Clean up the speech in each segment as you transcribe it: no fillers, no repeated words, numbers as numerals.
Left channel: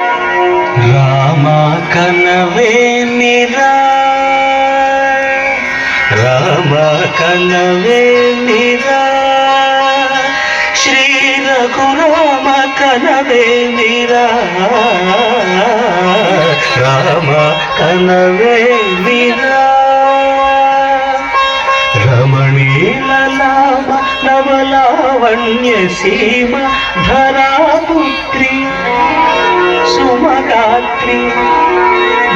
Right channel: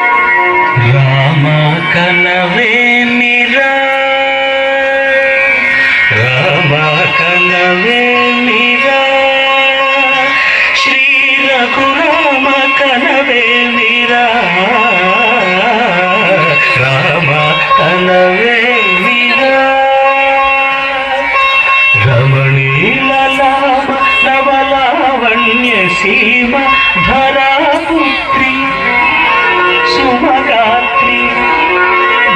రామ కనవే నిరా, రామ కనవే నిరా, శ్రీ రఘురామ కనవే నిరా, రామ కనవే నిరా, రమణీల లామ నవలావణ్య సీమ ధరాపుత్రి సుమగాత్రి,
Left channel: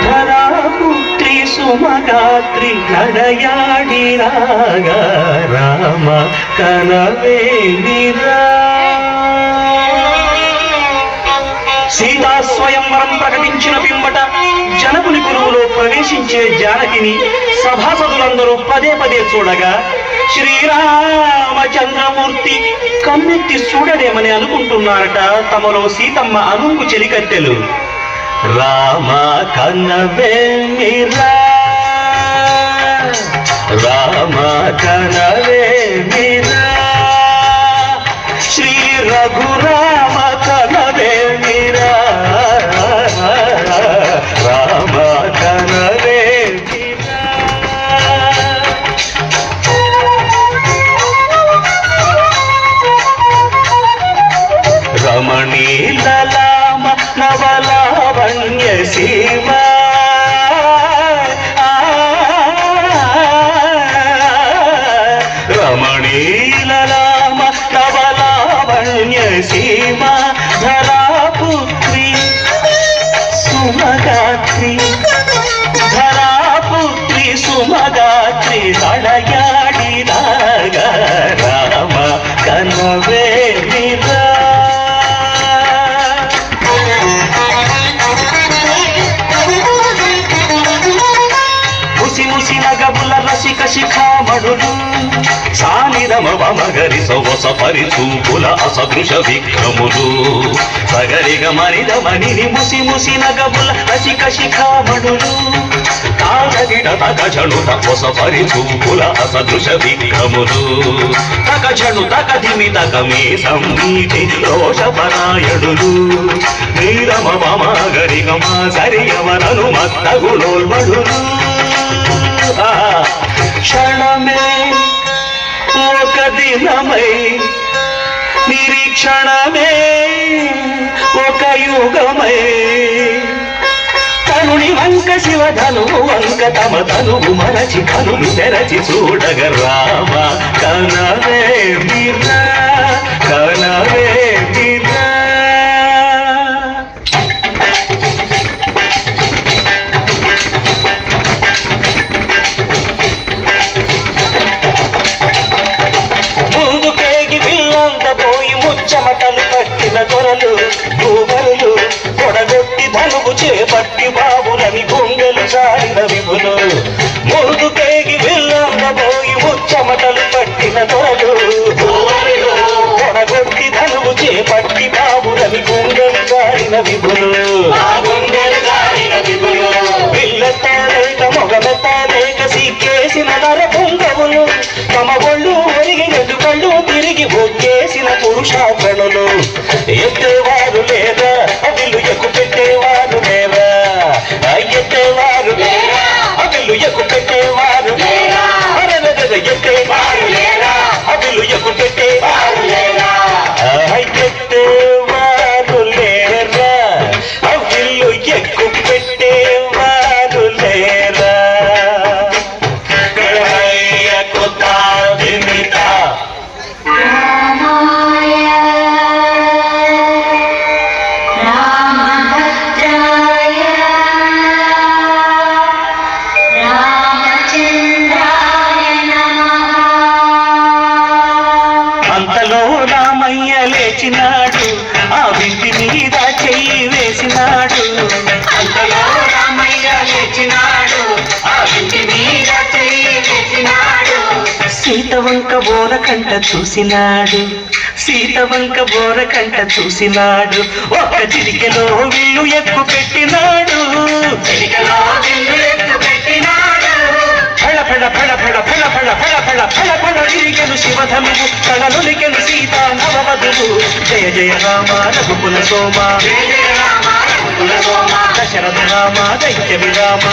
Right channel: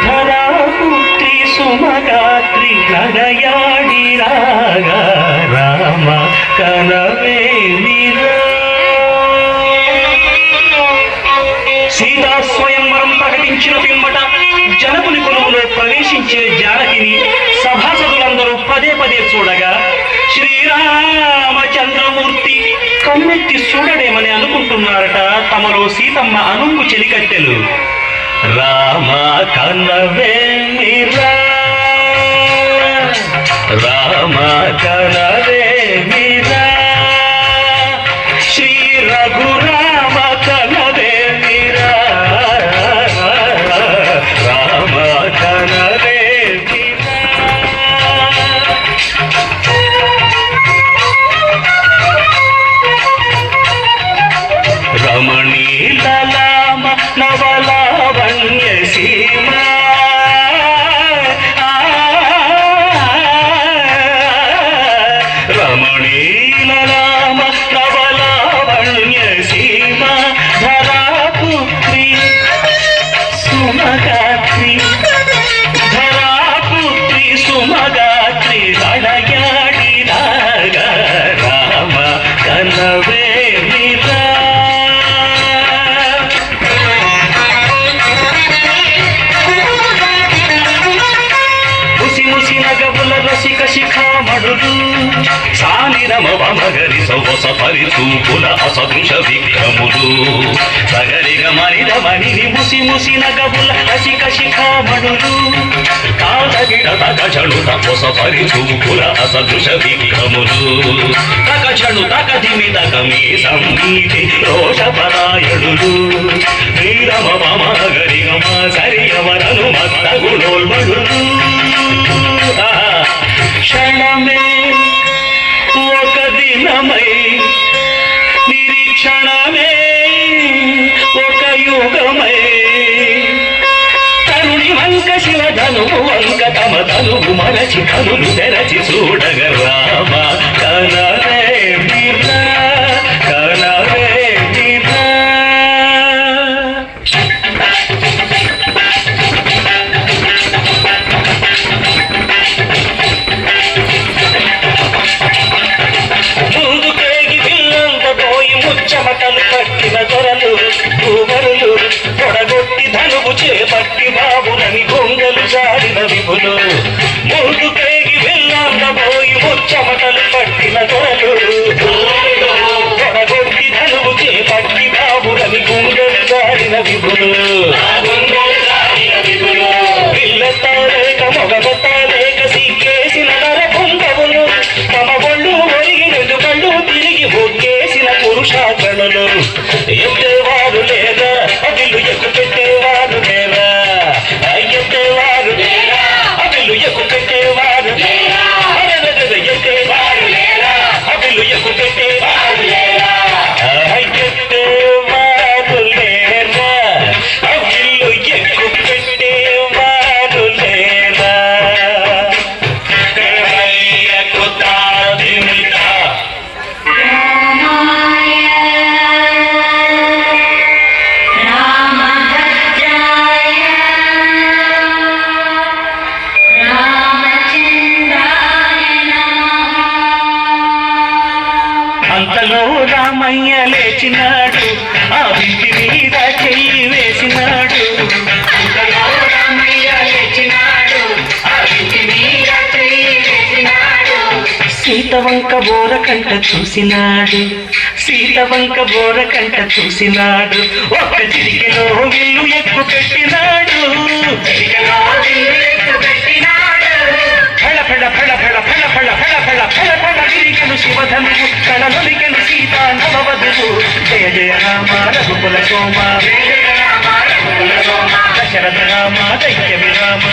ధరాపుత్రి సుమగాత్రి నడయాడి రాగా రామ కనవే నిరా. సీతా స్వయంవరం ప్రకటించిన పిమ్మట జనకుని కొలువులో ప్రవేశించే జానకిని సభాసదులందరూ పదే పదే చూడగా శ్రీరామచంద్రమూర్తి కన్నెత్తి చూడడేమని అనుకుంటున్నారట తమలో సీతమ్మ అనుంగు చెలికత్తెలు. రామ కనవే నిరా, రామ కనవే నిరా, శ్రీ రఘురామ కనవే నిరా, రామ కనవే నిరా. రమణీల లామ నవలావణ్య సీమ, రమణీల లామ నవలావణ్య సీమ ధరాపుత్రి సుమగాత్రి, ధరాపుత్రి సుమగాత్రి నడయాడి రాగా రామ కనవే నిరా. ముసినగబుల రసిక శిఖామణులు సానిరమ వమగరి సొగస పరిచూపుల అసదృశ విక్రములు సగరిగ మనిదమణిని ముసినగబుల రసిక శిఖామణులు కాదగిడ తగజను తపస పరిచూపుల అసదృశ విక్రములు తగజను తగదిమి తగమే సంగీతి రోషపరాయణులు నీరమ వమగరి గమ సరియమనను మత్త గుణోల్మణులు. క్షణమే ఒక దినమై నిరీక్షణమే ఒక యుగమై కనుని వంక శివధనువు వంక తమ ధనువు మరచి కనులు తెరచి చూడగ రామ కనవే నిరా, కనవే నిరా. చెమటలు పట్టిన దొరలు భూగరులు పొడగొట్టి ధనువు చేపట్టి బాబునని గొంగలు చాడిన విపులు ముందు పేగి వెళ్ళబోయి ముచ్చమటలు పట్టిన దొరలు పొడగొట్టి ధనువు చేపట్టి బాబునని గొంగలు చాడిన విపులు పిల్లతాలేక మొగలతాలేక సిక్కేసిన నర పొంగవులు తమ ఒళ్ళు ఒరిగి రెండు కళ్ళు తిరిగి ఒక్కేసిన పురుషాకణులు ఎత్తేవారు లేదా అవిలు ఎక్కు పెట్టేవారు లేదా, ఎత్తేవారు లేదా అవిలు ఎక్కు పెట్టేవారు లేదా, ఎత్తేవారు లేదా అవిలు ఎక్కు పెట్టేవారు లేదా, ఎత్తేవారు లేదా అవిలు ఎక్కు పెట్టేవారు లేదా. అంతలో రామయ్య లేచినాడు, ఆ బిడ్డి మీద చెయ్యి వేసినాడు. అంతలో రామయ్య లేచినాడు, ఆ బిడ్డి మీద చెయ్యి వేసినాడు. సీత వంక బోరకంట చూసినాడు, సీత వంక బోరకంట చూసినాడు. ఒక చిరికెలో విల్లు ఎక్కు పెట్టినాడు, చిరికెలో విల్లు ఎక్కు పెట్టినాడు. ఫళ ఫళ ఫళ ఫళ ఫళ ఫళ ఫళ ఫళ ఫళ ఫళ తిరిగెను శివధనువు కళలొలికెను సీతా నవవధువు. జయ జయ రామ రఘుకుల సోమ, జయ జయ రామ రఘుకుల దశరథ రామ దైత్య విరామ